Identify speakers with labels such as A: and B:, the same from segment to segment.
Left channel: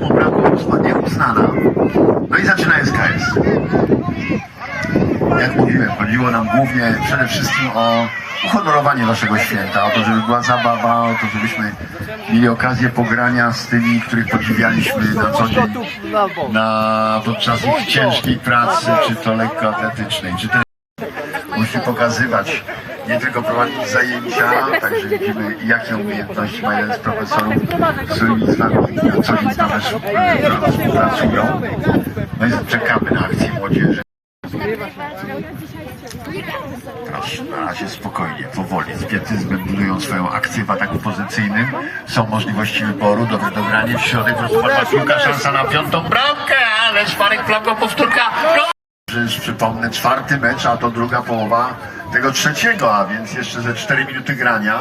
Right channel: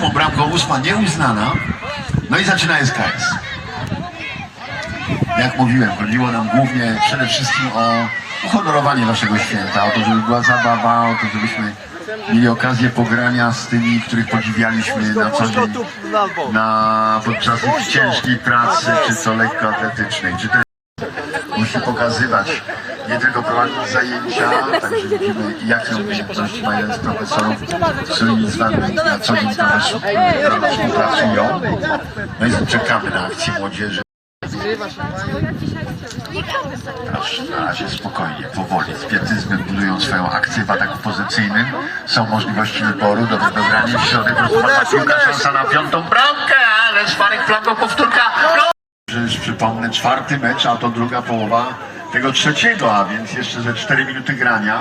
A: poprawka ósma nieuznana. No i zaczyna SKS. Jak mówiłem, chodziło nam głównie przede wszystkim o uhonorowanie waszego święta, o to, żeby była zabawa, o to, żebyśmy mieli okazję pogrania z tymi, których podziwialiśmy na co dzień na, podczas ich ciężkiej pracy, czy to lekkoatletycznej, czy też musi pokazywać, nie tylko prowadzić zajęcia, także widzimy, jakie umiejętności ma jeden z profesorów, z którymi z nami na co dzień współpracują. No i czekamy na akcję młodzieży. Proszę, na razie spokojnie, powoli, z pietyzmem budują swoją akcję w ataku pozycyjnym. Są możliwości wyboru, dobre dogranie w środek, piłka, szansa na piątą bramkę, ale Szwarek flagą powtórka. Że Już przypomnę, czwarty mecz, a to druga połowa tego trzeciego, a więc jeszcze ze cztery minuty grania.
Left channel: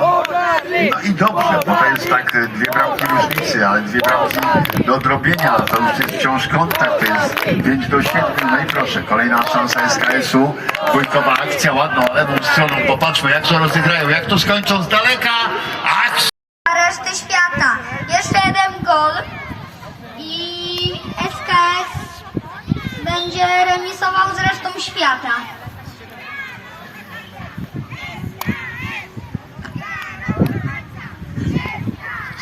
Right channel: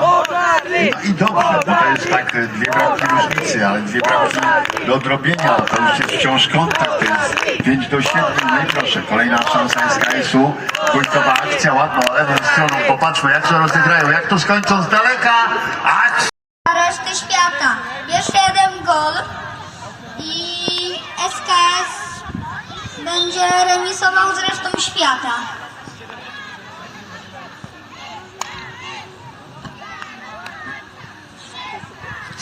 A: No i dobrze, bo to jest tak e, dwie bramki różnicy, ale dwie bramki do odrobienia, to już jest wciąż kontakt, to jest 5 do 7. No i proszę, kolejna szansa SKS-u, dwójkowa akcja, ładną lewą stroną, popatrzmy jak to rozegrają, jak to skończą z daleka. Akcja!
B: na resztę świata. Jeszcze jeden gol i SKS będzie remisował z resztą świata.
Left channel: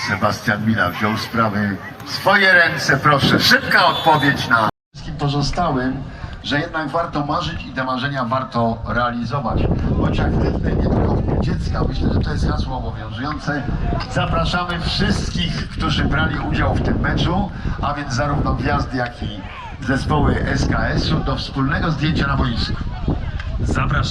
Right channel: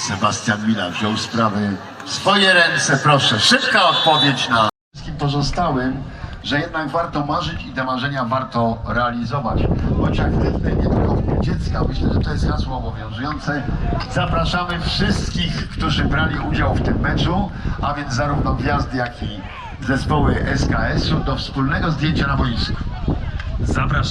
A: Sebastian Mila wziął sprawy w swoje ręce, proszę. Szybka odpowiedź na wszystkim pozostałym, że jednak warto marzyć i te marzenia warto realizować. Bądź aktywny nie tylko w dziecka. Myślę, że to jest hasło obowiązujące. Zapraszamy wszystkich, którzy brali udział w tym meczu, a więc zarówno gwiazdy, jak i zespoły SKS-u do wspólnego zdjęcia na boisku. Zapraszamy.